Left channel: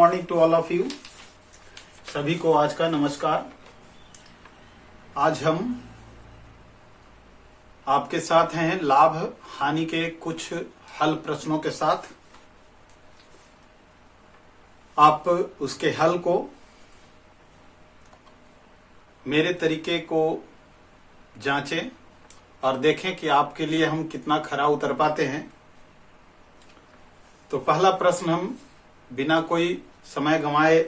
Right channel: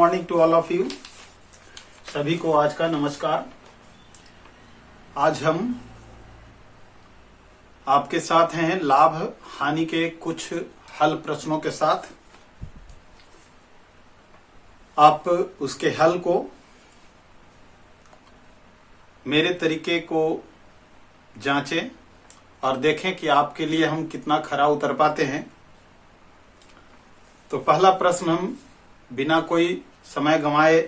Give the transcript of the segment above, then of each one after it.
Morning to all of you. सभी को आज का नमस्कार। आज हम आपके साथ हैं लाभ हानि के कुछ हल प्रश्नों के साथ। आप उसके हल को मेरे तरीके को जांचें और देखें कि आपके लिए हम कितना खरा उतर पाते हैं। तो पहला प्रश्न हम बिना कोई समय गंवाए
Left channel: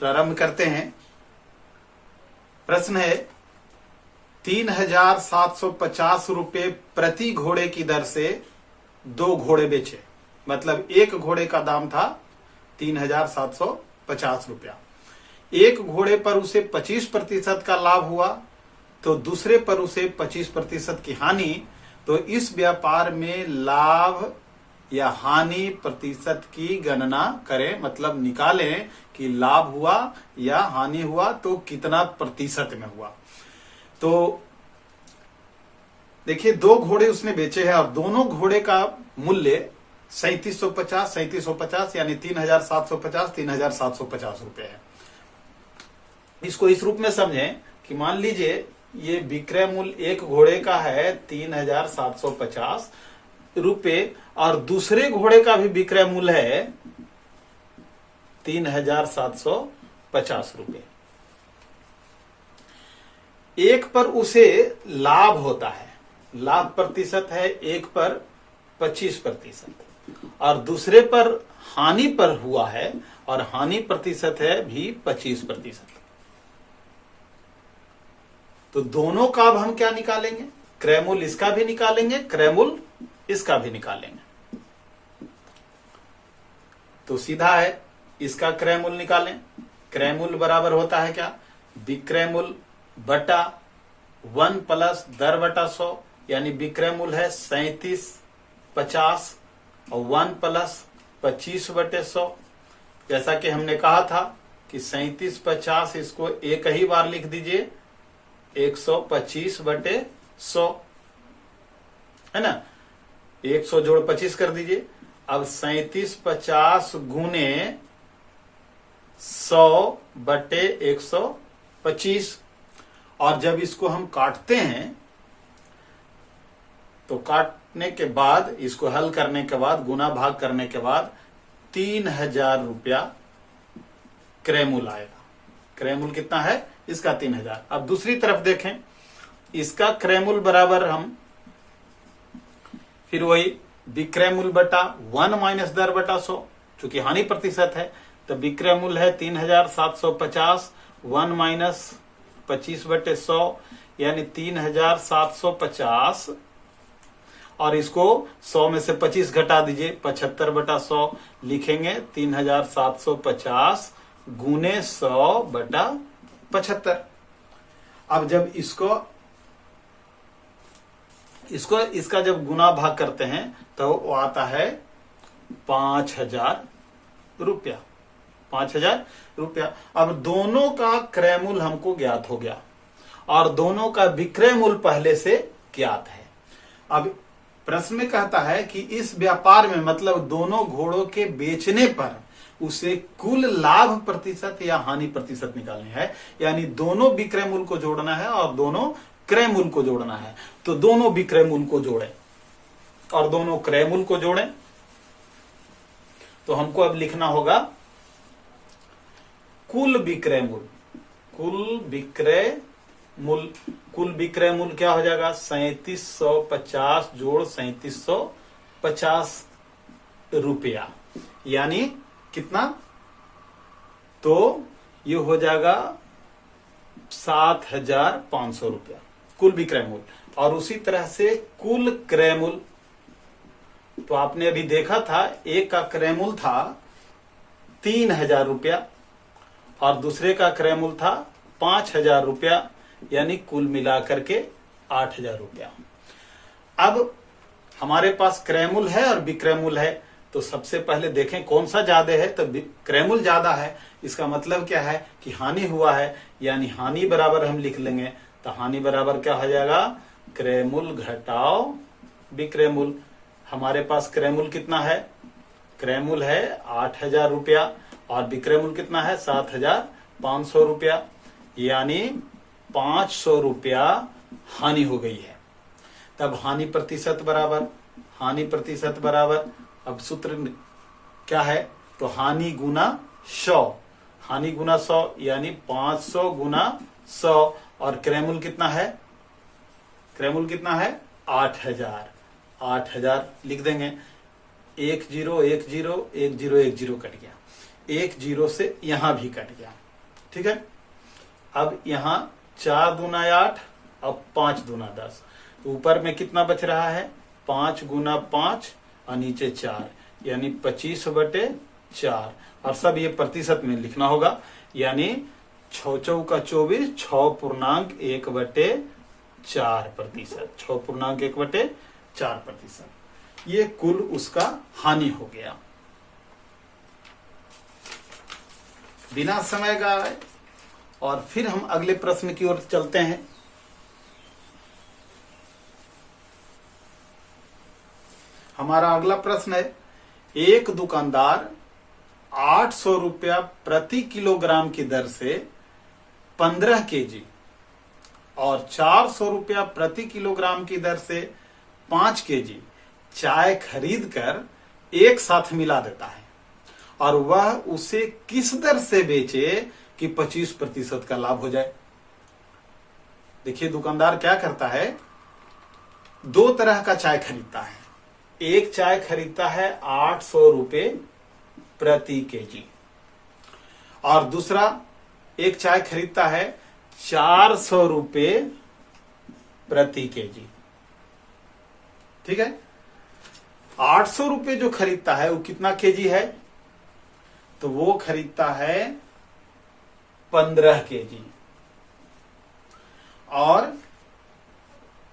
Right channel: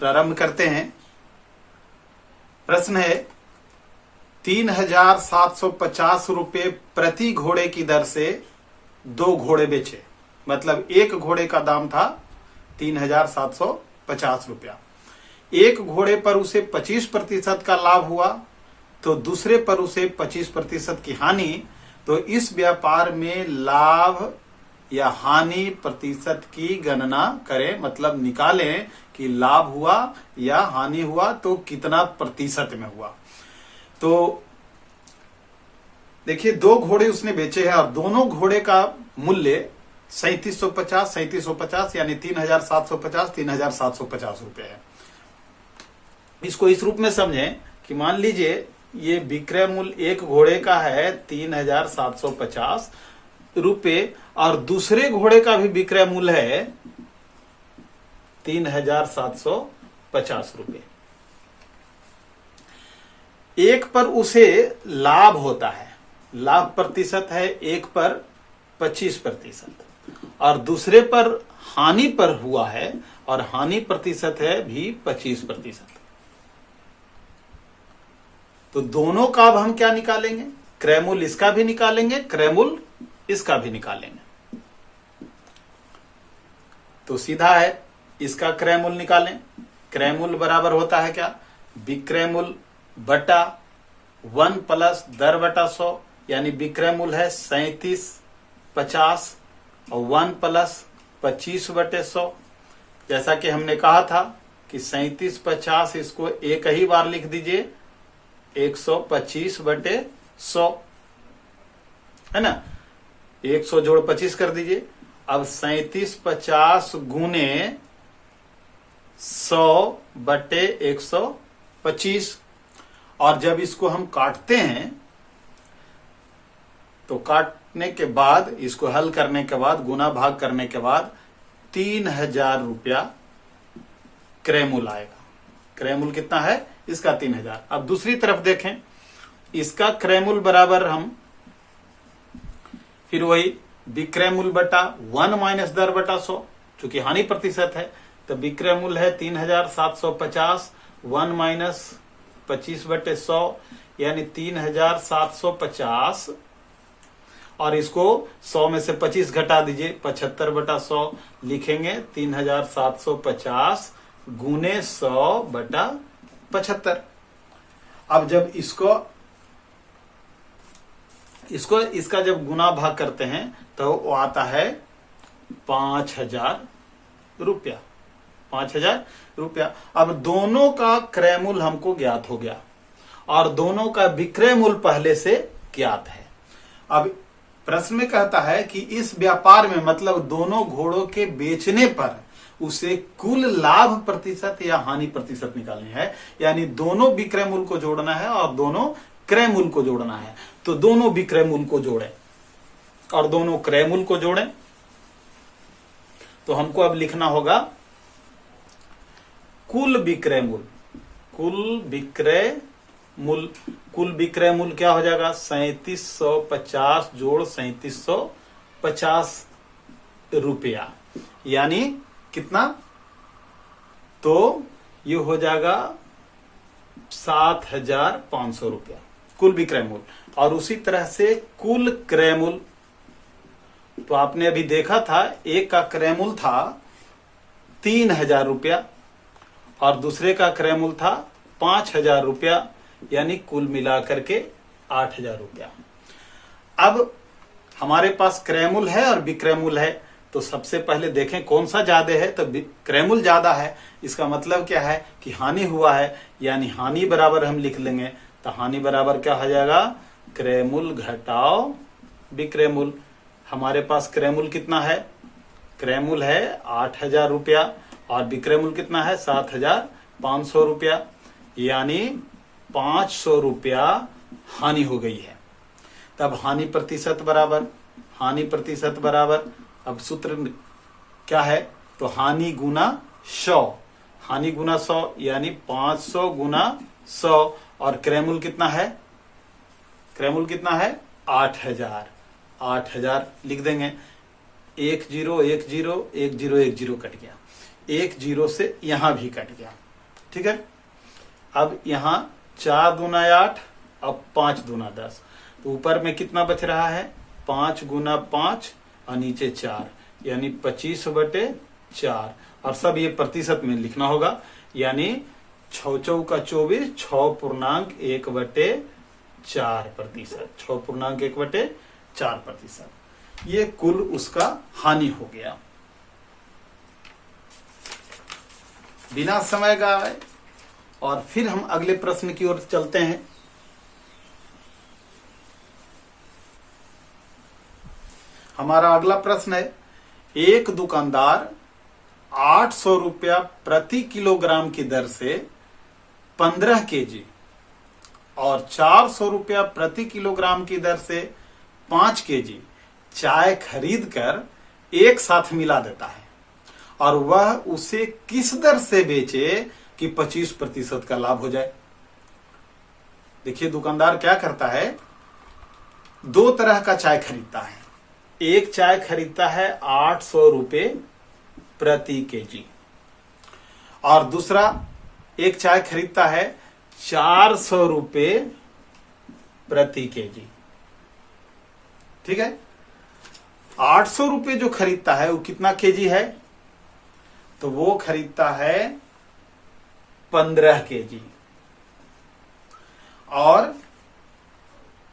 प्रारंभ करते हैं। प्रश्न है 3,750 रुपये प्रति घोड़े की दर से 2 घोड़े बेचे। मतलब एक घोड़े का दाम था 3,750 रुपया। एक घोड़े पर उसे 25% का लाभ हुआ तो दूसरे पर उसे 25% की हानि। तो इस व्यापार में लाभ या हानि प्रतिशत की गणना करें। मतलब निकालें कि लाभ हुआ या हानि हुआ तो कितना प्रतिशत में हुआ। तो देखिए 2 घोड़े उसने बेचे हैं और दोनों घोड़े का मूल्य 3750 यानी 3,750 रुपए है। इसको इस रूप में समझें कि मान लीजिए ये विक्रय मूल्य एक घोड़े का है 3,750 रुपए और दूसरे घोड़े का भी विक्रय मूल्य है 3,750 रुपए। एक पर उसे लाभ होता है, लाभ प्रतिशत है एक पर 25% और दूसरे पर हानि पर हुआ है और हानि प्रतिशत है भी 25%। तो दोनों का अब हम क्या निकालेंगे? क्रय मूल्य इसका भी निकालेंगे, क्रय मूल्य इसका भी निकालेंगे। तो सीधा है, इसका क्रय मूल्य निकालें। क्रय मूल्य बराबर होता है क्या? विक्रय मूल्य बटा 1 प्लस दर बटा 100, यानी विक्रय मूल्य है 3750 और 1 प्लस 25 बटे 100। जैसा कि हमने कहा था कि 3750 इसको एक ही बार लिख दीजिए 125 बटे 100, है ना। 100 जोड़ 25 कर दीजिए। अब 3750 गुने 100 बटे 125। और जब इसको हम काटते हैं तो काटने के बाद इसको हल करने के बाद गुना भाग करने के बाद 3,000 रुपया क्रय मूल्य आएगा। क्रय मूल्य कितना है इसका? 3,000। अब दूसरी तरफ देखें, इसका क्रय मूल्य बराबर हम फिर वही विक्रय मूल्य बटा 1 माइनस दर बटा 100, चूंकि हानि प्रतिशत है तो विक्रय मूल्य है 3,750, 1 माइनस 25 बटे 100 यानी 3,750 और इसको 100 में से 25 घटा दीजिए 75 बटा 100 लिखेंगे 3,750 गुने 100 बटा 75। अब जब इसका जब गुना भाग करते हैं तो वो आता है 5,000 रुपया। 5,000 रुपया। अब दोनों का क्रय मूल्य हमको ज्ञात हो गया और दोनों का विक्रय मूल्य पहले से ज्ञात है। अब प्रश्न में कहता है कि इस व्यापार में मतलब दोनों घोड़ों के बेचने पर उसे कुल लाभ प्रतिशत या हानि प्रतिशत निकालनी है। यानी दोनों विक्रय मूल्य को जोड़ना है और दोनों क्रय मूल्य को जोड़ना है। तो दोनों विक्रय मूल्य को जोड़ें और दोनों क्रय मूल्य को जोड़ें। तो हमको अब लिखना होगा कुल विक्रय मूल्य। कुल विक्रय मूल्य क्या हो जाएगा? 3750 जोड़ 3750 रुपया, यानी कितना? तो ये हो जाएगा 7,500 रुपया कुल विक्रय मूल्य। और उसी तरह से कुल क्रय मूल्य, तो आपने अभी देखा था एक का क्रय मूल्य था 3,000 रुपया और दूसरे का क्रय मूल्य था 5,000 रुपया, यानी कुल मिलाकर के 8,000 रुपया। अब हमारे पास क्रय मूल्य है और विक्रय मूल्य है, तो सबसे पहले देखें कौन सा ज्यादा है। तो क्रय मूल्य ज्यादा है, इसका मतलब क्या है कि हानि हुआ है, यानी हानि बराबर हम लिख लेंगे। तो हानि बराबर क्या हो जाएगा? क्रय मूल्य घटाओ विक्रय मूल्य। हमारे पास क्रय मूल्य कितना है? क्रय मूल्य है 8,000 रुपया और विक्रय मूल्य कितना है 7,500 रुपया, यानी 500 रुपया हानि हो गई है। तब हानि प्रतिशत बराबर अब सूत्र क्या है, तो हानि गुना 100, यानी 500 गुना 100, और क्रय मूल्य कितना है 8,000 लिख देंगे। 1 0 1 0 1 0 1 0 कट गया, 1 0 से यहां भी कट गया। ठीक है, अब यहां 4 दूना 8, अब 5 दूना 10, तो ऊपर में कितना बच रहा है 5 गुना 5 और नीचे 4, यानी 25/4, और सब ये प्रतिशत में लिखना होगा, यानी 6 चौका 24, 6.1/4%। ये कुल उसका हानि हो गया बिना समय गवाए। और फिर हम अगले प्रश्न की ओर चलते हैं। हमारा अगला प्रश्न है, एक दुकानदार 800 रुपया प्रति किलोग्राम की दर से 15 केजी और 400 रुपया प्रति किलोग्राम की दर से 5 केजी चाय खरीद कर एक साथ मिला देता है, और वह उसे किस दर से बेचे कि 25% का लाभ हो जाए। देखिए, दुकानदार क्या करता है, 2 तरह का चाय खरीदता है। एक चाय खरीदता है 800 रुपये प्रति केजी, और दूसरा एक चाय खरीदता है 400 रुपये प्रति केजी। ठीक है, 800 रुपये जो खरीदता है वो कितना केजी है, तो वो खरीदता है 15 केजी, और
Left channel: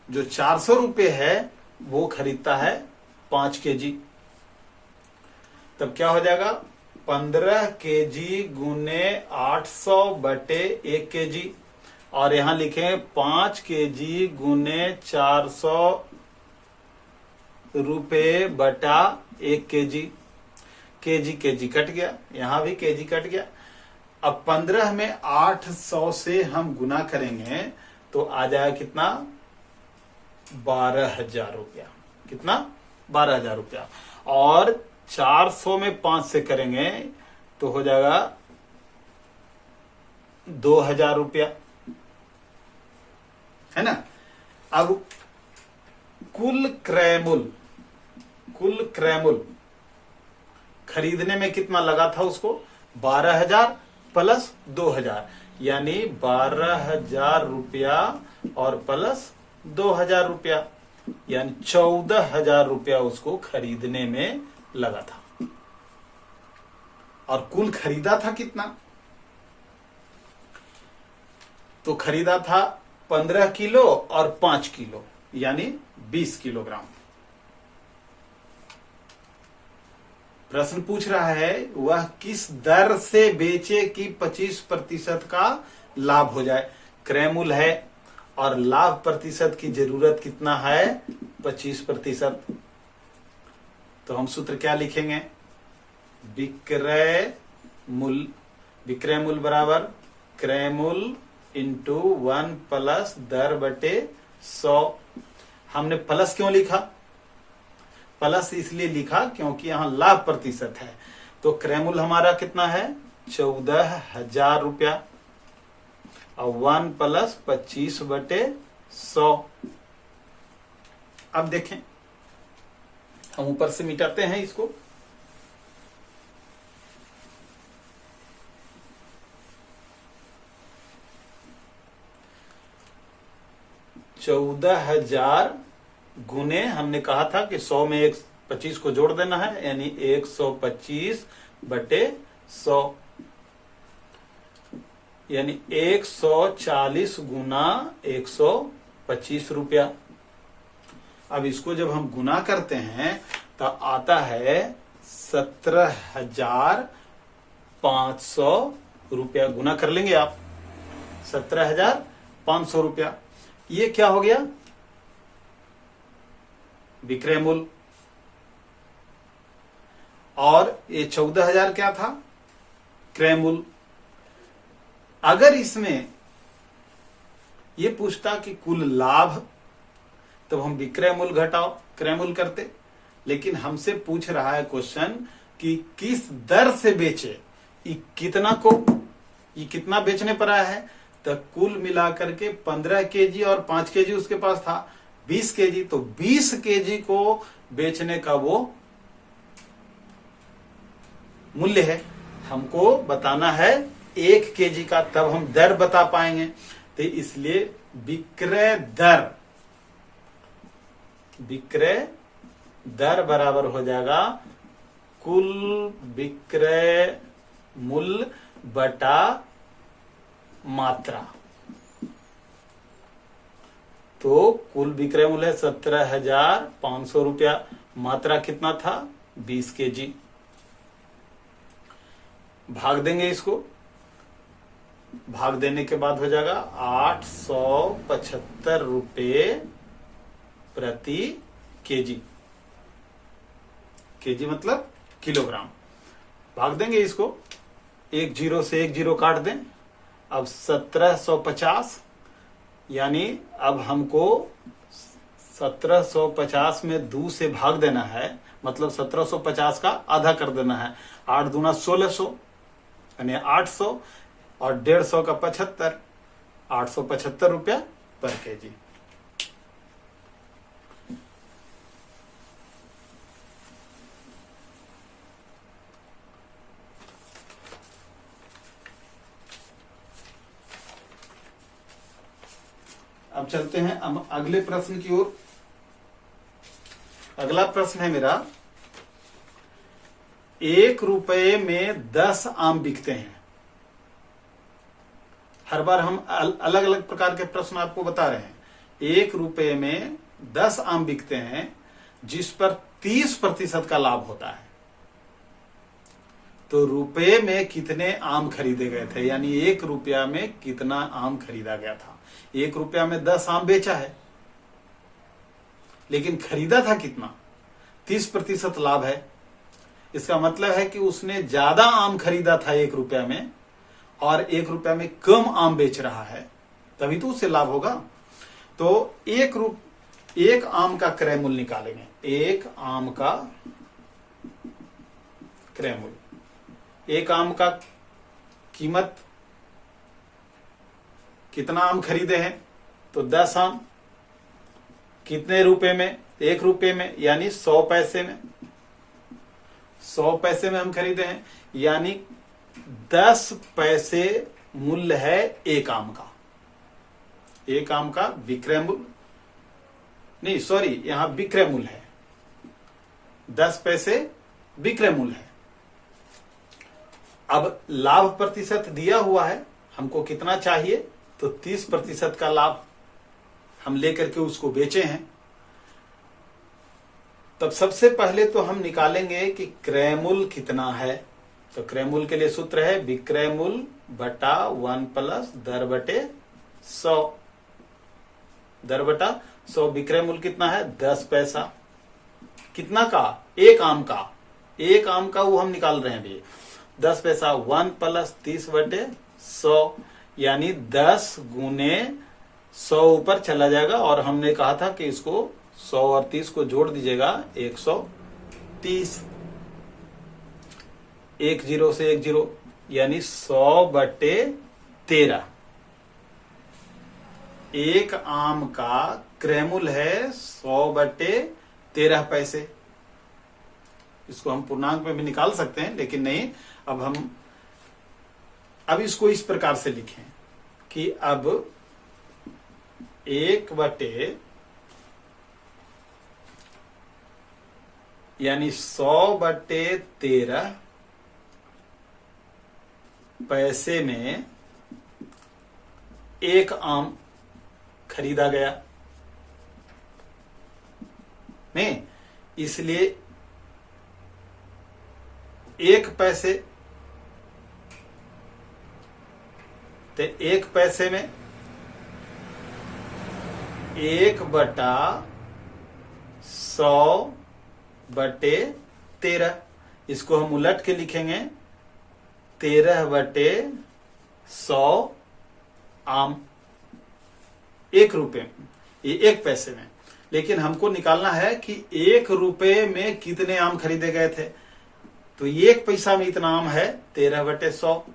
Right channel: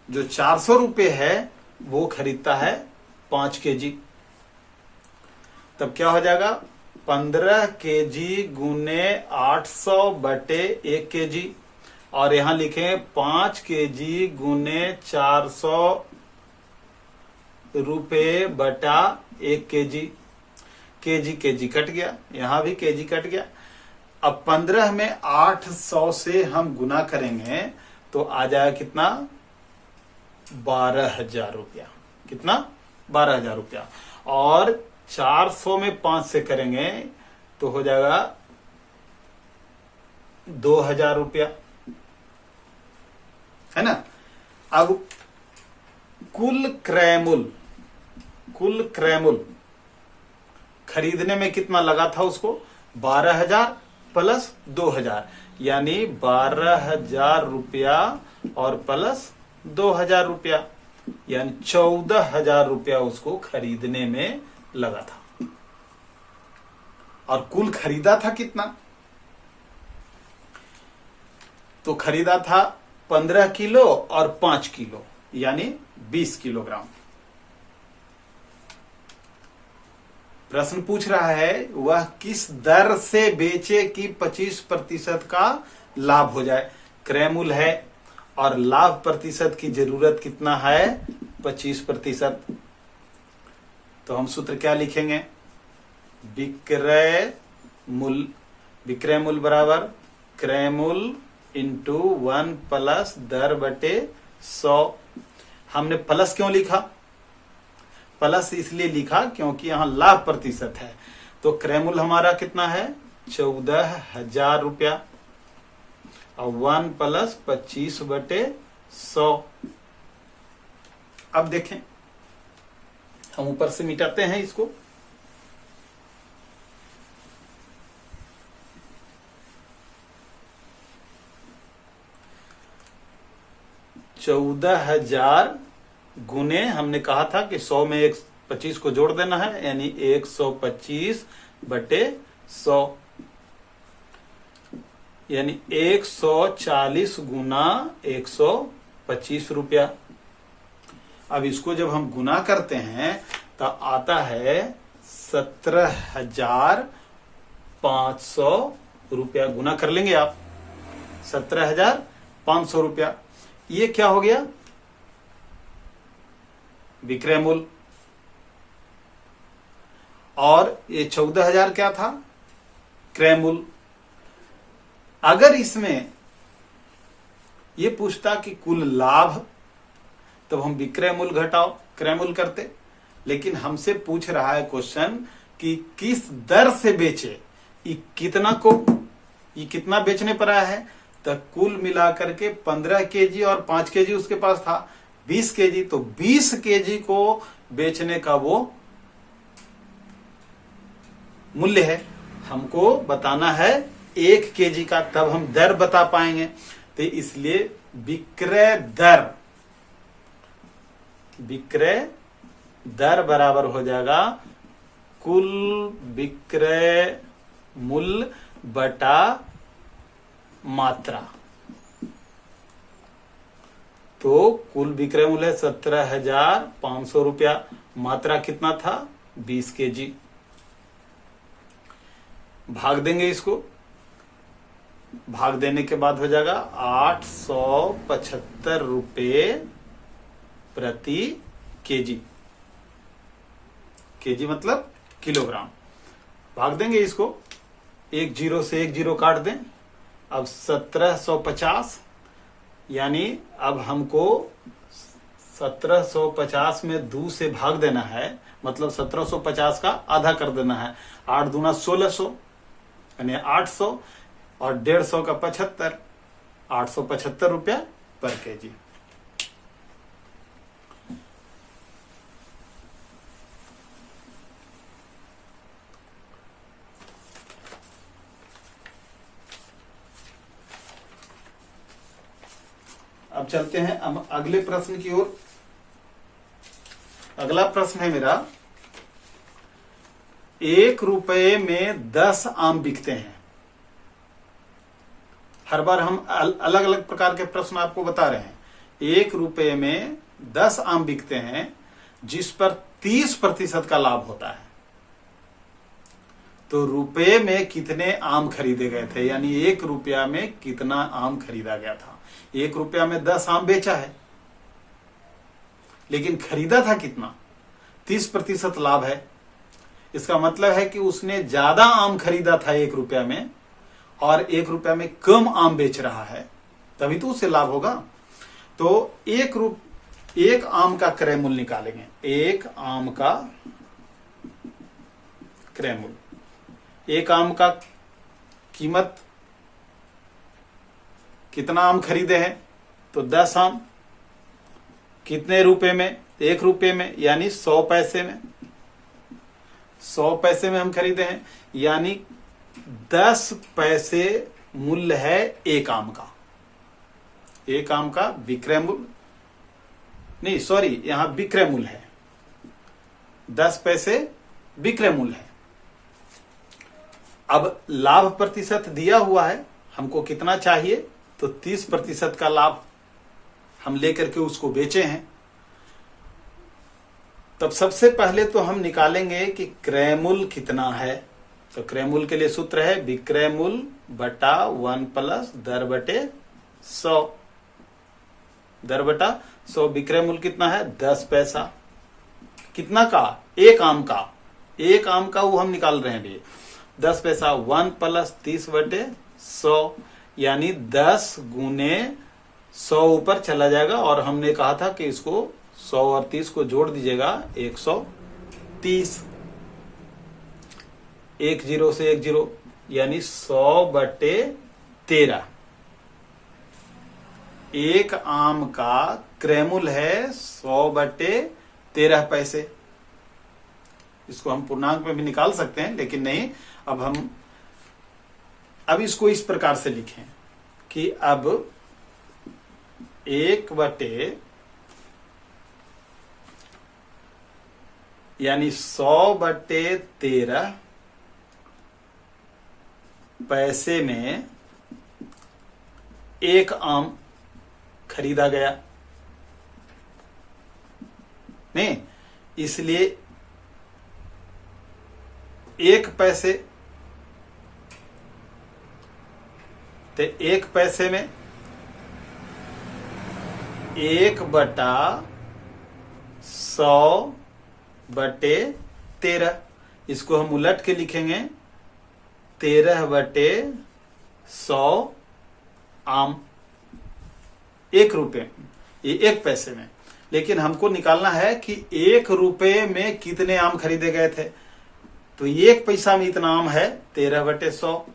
जो 400 रुपये है वो खरीदता है 5 केजी। तब क्या हो जाएगा, 15 केजी गुने 800 बटे 1 केजी, और यहां लिखें 5 केजी गुने 400 रुपये बटा 1 केजी। केजी कट गया, यहां भी केजी कट गया। अब 15 में 800 से हम गुना करेंगे तो आ जाएगा कितना, 12,000 रुपया। कितना, 12,000 रुपया। और 400 में 5 से करेंगे तो हो जाएगा 2,000 रुपया, है ना। अब कुल क्रय मूल्य खरीदने में कितना लगा था उसको, 12,000 प्लस 2,000, यानी 12,000 रुपया और प्लस 2,000 रुपया, यानी 14,000 रुपया उसको खरीदने में लगा था। और कुल खरीदा था कितना, तो खरीदा था 15 किलो और 5 किलो, यानी 20 किलोग्राम। प्रश्न पूछ रहा है वह किस दर से बेचे कि 25% का लाभ हो जाए। क्रय मूल्य है और लाभ प्रतिशत की जरूरत कितना है, 25%। तो हम सूत्र क्या लिखेंगे, विक्रय मूल्य बराबर क्रय मूल्य इंटू 1 प्लस दर बटे 100। हमने प्लस क्यों लिखा, प्लस इसलिए लिखा क्योंकि यहां लाभ प्रतिशत है। तो क्रय मूल्य हमारा कितना है, 14,000 रुपया, और 1 प्लस 25 बटे 100। अब देखें, हम ऊपर से मिटाते हैं इसको। $14,000 गुने, हमने कहा था कि 100 में 25 को जोड़ देना है, यानी 125 बटे 100, यानी 140 गुना 125 रुपया। अब इसको जब हम गुना करते हैं तो आता है 17,500 रुपया। गुना कर लेंगे आप, 17,500 रुपया। ये क्या हो गया, विक्रय मूल्य। और ये 14,000 क्या था, क्रय अगर इसमें ये पूछता कि कुल लाभ, तब हम विक्रय मूल्य घटाओ क्रय मूल्य करते। लेकिन हमसे पूछ रहा है क्वेश्चन कि किस दर से बेचे, ये कितना बेचने पर आया है, तो कुल मिलाकर के 15 केजी और 5 केजी उसके पास था, 20 केजी, तो 20 केजी को बेचने का वो मूल्य है। हमको बताना है 1 केजी का, तब हम दर बता पाएंगे। तो इसलिए विक्रय दर बराबर हो जाएगा कुल विक्रय मूल्य बटा मात्रा। तो कुल विक्रय मूल्य है 17,500 रुपया, मात्रा कितना था 20 केजी। भाग देंगे इसको, भाग देने के बाद हो जाएगा 875 रुपये प्रति केजी। केजी मतलब किलोग्राम। भाग देंगे इसको, एक जीरो से एक जीरो काट दें। अब 1750, यानी अब हमको 1750 में 2 से भाग देना है, मतलब 1750 का आधा कर देना है। 8 दूना 1600 यानी 800 और 150 का 75, 875 रुपया पर केजी। अब चलते हैं अगले प्रश्न की ओर। अगला प्रश्न है मेरा, 1 रुपये में 10 आम बिकते हैं। हर बार हम अलग अलग प्रकार के प्रश्न आपको बता रहे हैं। 1 रुपये में 10 आम बिकते हैं, जिस पर 30% का लाभ होता है। तो रुपये में कितने आम खरीदे गए थे, यानी 1 रुपया में कितना आम खरीदा गया था। 1 रुपया में 10 आम बेचा है, लेकिन खरीदा था कितना, 30% लाभ है। इसका मतलब है कि उसने ज्यादा आम खरीदा था 1 रुपया में, और 1 रुपया में कम आम बेच रहा है, तभी तो उसे लाभ होगा। तो 1 आम का क्रय मूल्य निकालेंगे। 1 आम का क्रय मूल्य, 1 आम का कीमत, कितना आम खरीदे हैं, तो 10 आम। कितने रुपए में, 1 रुपये में, यानी 100 पैसे में। 100 पैसे में हम खरीदे हैं, यानी 10 पैसे मूल्य है 1 आम का। 1 आम का विक्रय मूल्य नहीं, सॉरी, यहां विक्रय मूल्य है, 10 पैसे विक्रय मूल्य है। अब लाभ प्रतिशत दिया हुआ है, हमको कितना चाहिए, तो 30% का लाभ हम लेकर के उसको बेचे हैं। तब सबसे पहले तो हम निकालेंगे कि क्रय मूल्य कितना है। तो क्रय मूल्य के लिए सूत्र है विक्रय मूल्य बटा 1 प्लस दर बटे 100। दर बटा 100, विक्रय मूल्य कितना है 10 पैसा। कितना का, 1 आम का। 1 आम का वो हम निकाल रहे हैं भी, 10 पैसा। 1 प्लस 30 बटे 100, यानी 10 गुने 100 ऊपर चला जाएगा, और हमने कहा था कि इसको 100 और 30 को जोड़ दीजिएगा, 130। 1 जीरो से 1 जीरो, यानी 100 बटे 13। 1 आम का क्रय मूल्य है 100 बटे 13 पैसे। इसको हम पूर्णांक में भी निकाल सकते हैं, लेकिन नहीं, अब इसको इस प्रकार से लिखें कि अब 1 बटे, यानी 100 बटे 13 पैसे में 1 आम खरीदा गया। नहीं, इसलिए 1 पैसे, तो 1 पैसे में 1 बटा 100 बटे 13, इसको हम उलट के लिखेंगे 13/100 आम 1 रुपए, ये 1 पैसे में। लेकिन हमको निकालना है कि 1 रुपए में कितने आम खरीदे गए थे। तो 1 पैसा में इतना आम है 13/100।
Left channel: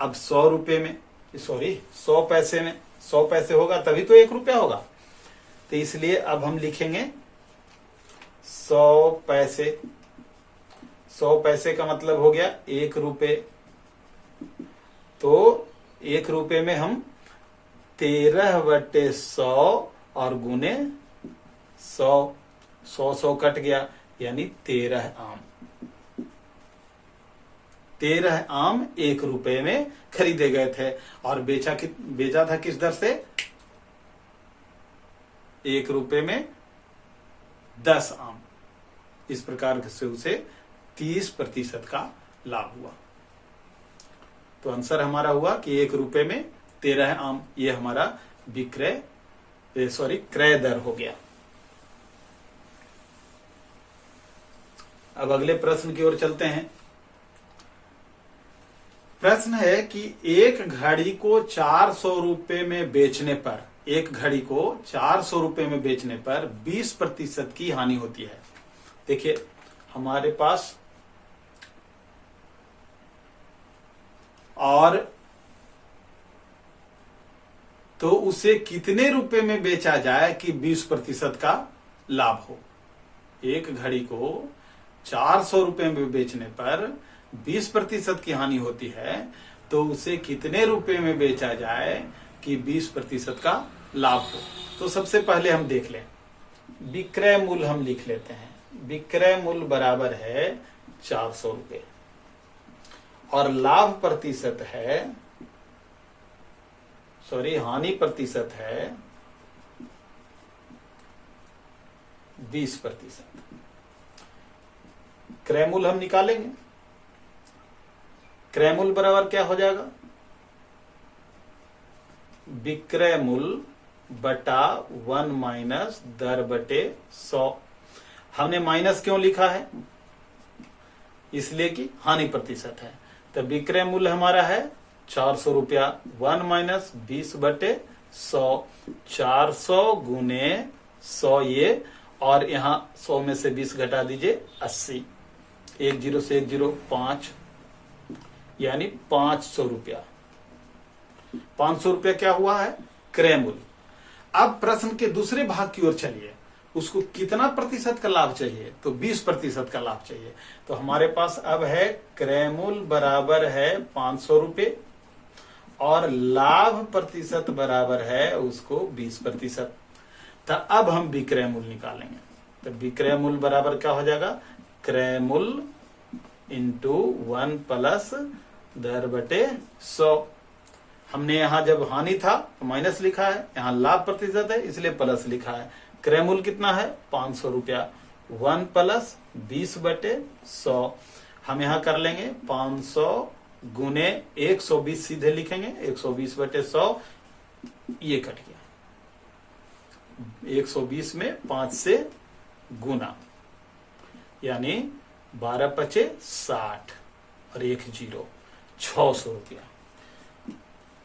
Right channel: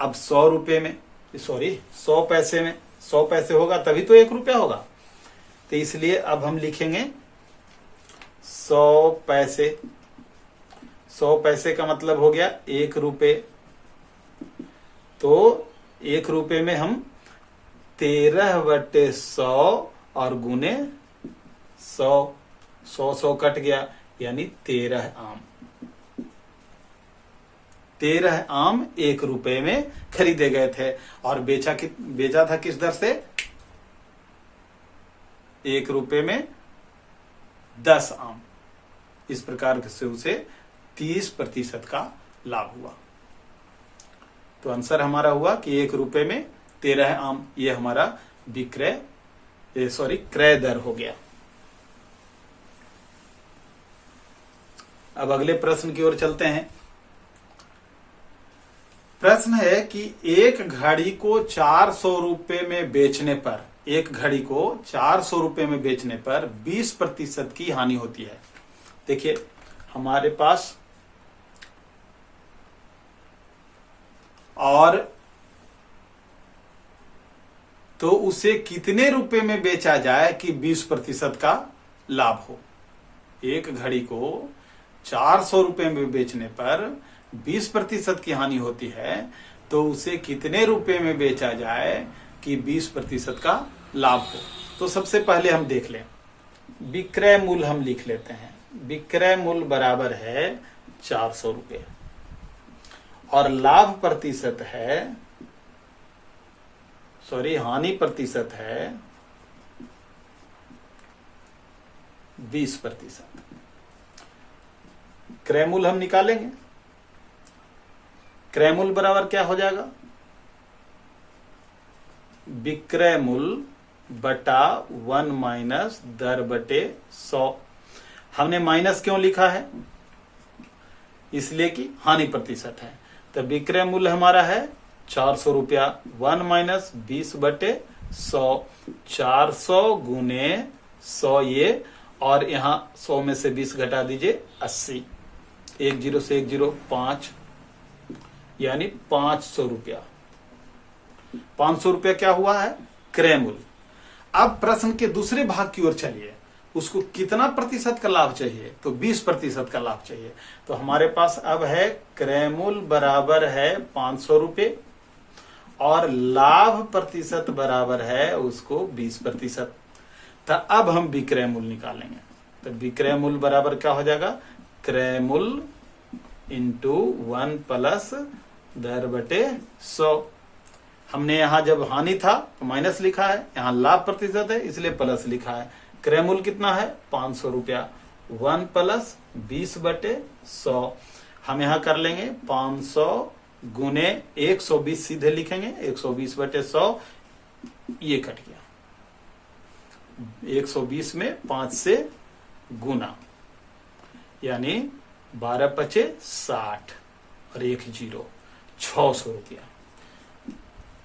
अब 100 रुपए में, सॉरी 100 पैसे में, 100 पैसे होगा तभी तो 1 रुपया होगा। तो इसलिए अब हम लिखेंगे 100 पैसे। 100 पैसे का मतलब हो गया 1 रुपए। तो 1 रुपए में हम 13/100 और गुने 100, 100 कट गया, यानी 13 आम। 13 आम 1 रुपए में खरीदे गए थे और बेचा था किस दर से? 1 रुपए में 10 आम। इस प्रकार से उसे 30% का लाभ हुआ। तो आंसर हमारा हुआ कि 1 रुपए में 13 आम, ये हमारा क्रय दर हो गया। अब अगले प्रश्न की ओर चलते हैं। प्रश्न है कि एक घड़ी को 400 रुपए में बेचने पर, एक घड़ी को 400 रुपए में बेचने पर 20% की हानि होती है। देखिए हमारे पास और तो उसे कितने रुपए में बेचा जाए कि 20% का लाभ हो। एक घड़ी को 400 रुपए में बेचने पर 20% की हानि होती है, तो उसे कितने रुपए में बेचा जाए कि 20% का लाभ हो। तो सबसे पहले हम देख लें, विक्रय मूल्य हम लिख लेते हैं। विक्रय मूल्य बराबर है 400 रुपए और लाभ प्रतिशत है, हानि प्रतिशत है 20%। क्रय मूल्य हम निकालेंगे। क्रय मूल्य बराबर क्या हो जाएगा? विक्रय मूल्य बटा 1 माइनस दर बटे 100। हमने माइनस क्यों लिखा है? इसलिए कि हानि प्रतिशत है। तो विक्रय मूल्य हमारा है 400 रुपया। 1 माइनस 20/100, 400 गुने 100 ये, और यहां 100 में से 20 घटा दीजिए 80। 1 0 से 1 0 5, यानी 500 रुपया। 500 रुपया क्या हुआ है? क्रय मूल्य। अब प्रश्न के दूसरे भाग की ओर चलिए। उसको कितना प्रतिशत का लाभ चाहिए? तो 20% का लाभ चाहिए। तो हमारे पास अब है क्रय मूल्य बराबर है 500 रुपये और लाभ प्रतिशत बराबर है उसको 20%। तो अब हम विक्रय मूल्य निकालेंगे। तो विक्रय मूल्य बराबर क्या हो जाएगा? क्रय मूल्य इंटू 1 प्लस दर बटे 100। हमने यहां जब हानि था तो माइनस लिखा है, यहां लाभ प्रतिशत है इसलिए प्लस लिखा है। क्रय मूल्य कितना है? 500 रुपया। 1 प्लस 20/100। हम यहां कर लेंगे 500 गुने 120 सीधे लिखेंगे, 120/100 ये कट गया। 120 में 5 से गुना, यानी 12×5 = 60 और 1 0 600 रुपया।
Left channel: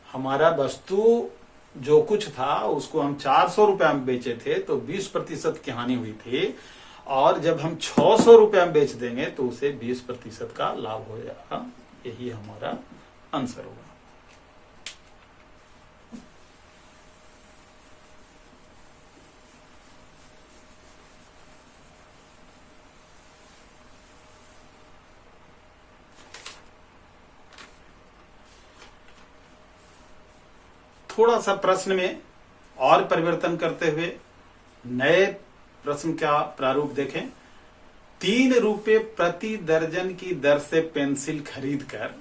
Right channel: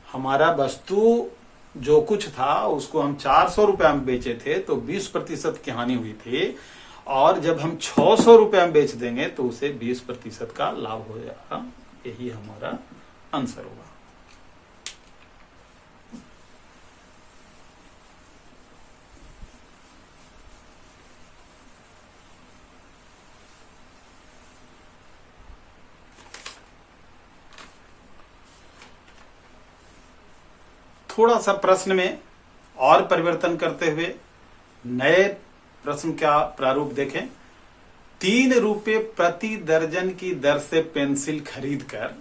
हमारा वस्तु जो कुछ था उसको हम 400 रुपया में बेचे थे तो 20% की हानि हुई थी, और जब हम 600 रुपया में बेच देंगे तो उसे 20% का लाभ हो जाएगा। यही हमारा आंसर होगा। थोड़ा सा प्रश्न में और परिवर्तन करते हुए नए प्रश्न का प्रारूप देखें। 3 रुपए प्रति दर्जन की दर से पेंसिल खरीदकर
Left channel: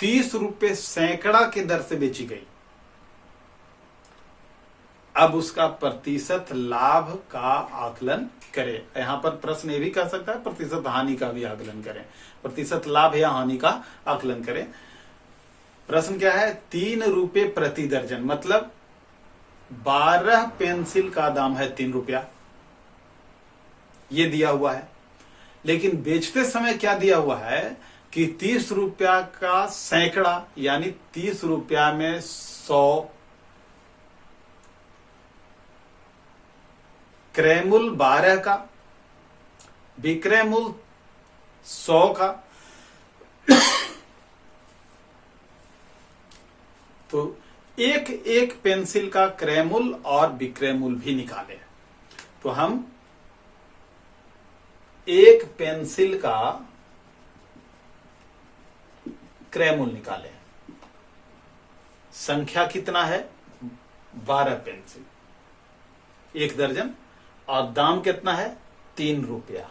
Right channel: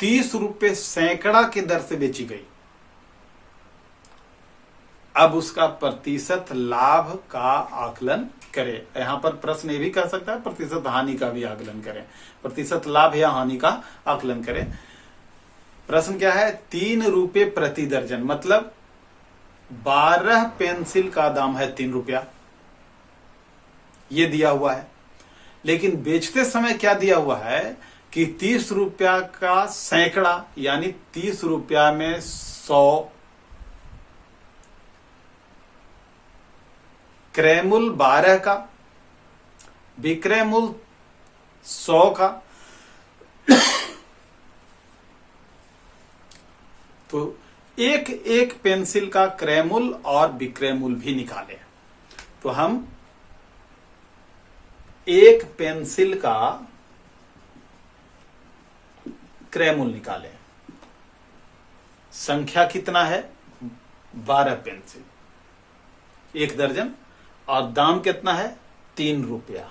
30 रुपए सैकड़ा की दर से बेची गई। अब उसका प्रतिशत लाभ का आकलन करें। यहां पर प्रश्न ये भी कह सकता है प्रतिशत हानि का भी आकलन करें। प्रतिशत लाभ या हानि का आकलन करें। प्रश्न क्या है? 3 रुपए प्रति दर्जन, मतलब 12 पेंसिल का दाम है 3 रुपया, ये दिया हुआ है। लेकिन बेचते समय क्या दिया हुआ है कि 30 रुपया का सैकड़ा, यानी 30 रुपया में 100 क्रय मूल्य 12 का, विक्रय मूल्य 100 का। तो एक एक पेंसिल का क्रय मूल्य और विक्रय मूल्य भी निकाले। तो हम एक पेंसिल का क्रय मूल्य निकाले। संख्या कितना है? 12 पेंसिल, 1 दर्जन, और दाम कितना है? 3 रुपया।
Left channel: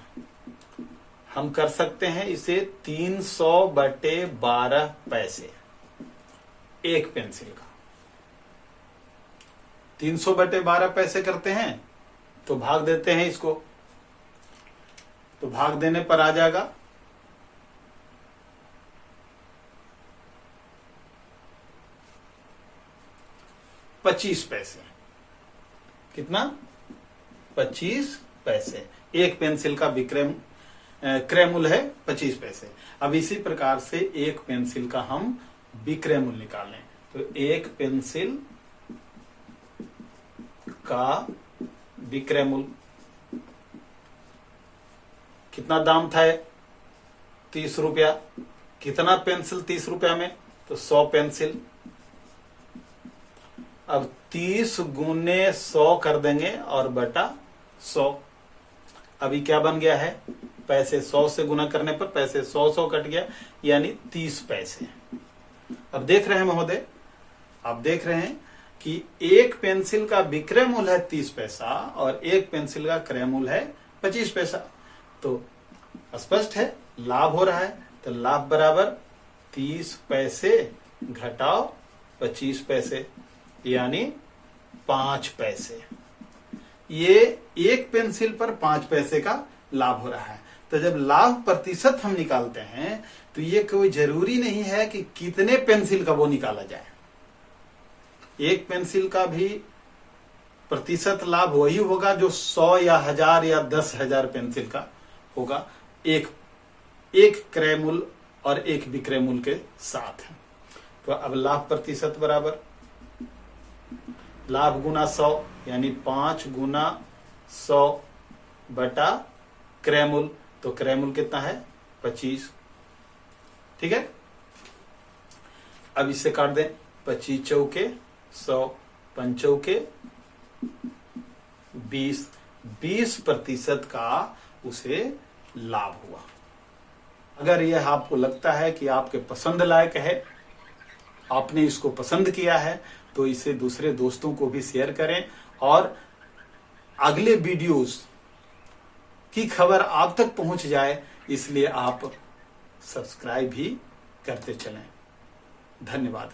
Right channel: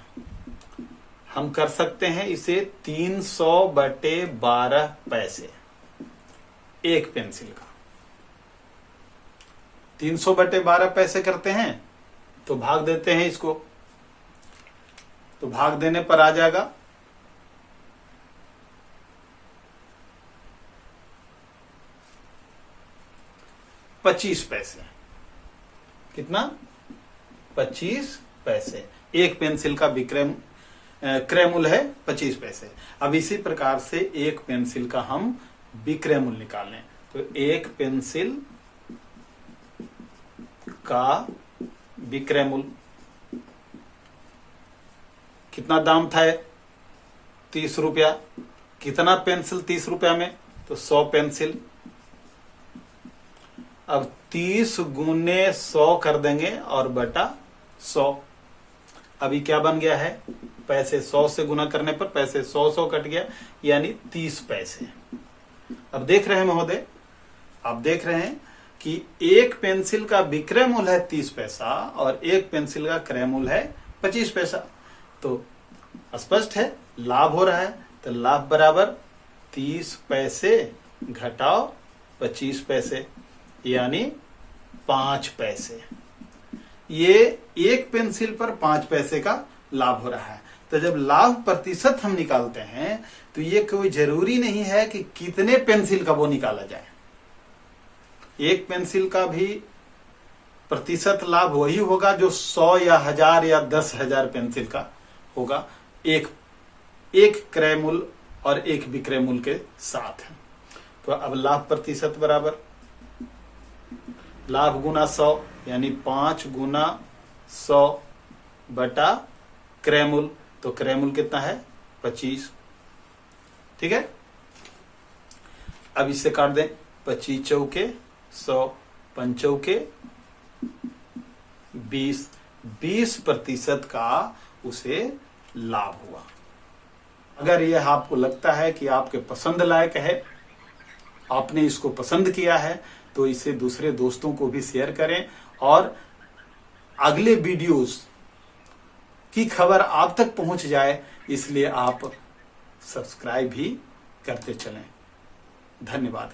हम कर सकते हैं इसे 300/12 पैसे एक पेंसिल का। 300/12 पैसे करते हैं तो भाग देते हैं इसको। तो भाग देने पर आ जाएगा 25 पैसे। कितना? 25 पैसे। एक पेंसिल का क्रय मूल्य है 25 पैसे। अब इसी प्रकार से एक पेंसिल का हम विक्रय मूल्य निकालें। तो एक पेंसिल का विक्रय मूल्य कितना दाम था? 30 रुपया। कितना पेंसिल 30 रुपया में? तो 100 पेंसिल। अब 30 गुने 100 कर देंगे और बटा 100। अभी क्या बन गया है? पैसे 100 से गुना करने पर पैसे 100 कट गया, यानी 30 पैसे। अब देख रहे हैं महोदय, आप देख रहे हैं कि एक पेंसिल का विक्रय मूल्य है 30 पैसा और एक पेंसिल का क्रय मूल्य है 25 पैसा। तो स्पष्ट है लाभ हो रहा है। तो लाभ बराबर 30 पैसे घटाओ 25 पैसे, यानी 5 पैसे। ये एक पेंसिल पर 5 पैसे का लाभ हो रहा है। तो जब लाभ प्रतिशत हम निकालते हैं तो ये कोई जरूरी नहीं है कि कितने पेंसिल का वो निकाला जाए। एक पेंसिल का भी प्रतिशत लाभ वही होगा जो 100 या 1000 या 10,000 पेंसिल का होगा, एक क्रय मूल्य और एक विक्रय मूल्य के साथ है। तो अब लाभ प्रतिशत बराबर लाभ गुना 100, यानी 5 गुना 100 बटा क्रय मूल्य। तो क्रय मूल्य कितना है? 25। ठीक है। अब इससे काट दें। 25 चौके 100, 5 चौके 20, 20% का उसे लाभ हुआ। अगर यह आपको लगता है कि आपके पसंद लायक है, आपने इसको पसंद किया है, तो इसे दूसरे दोस्तों को भी शेयर करें और अगले वीडियोस की खबर आप तक पहुंच जाए, इसलिए आप सब्सक्राइब भी करते चलें। धन्यवाद।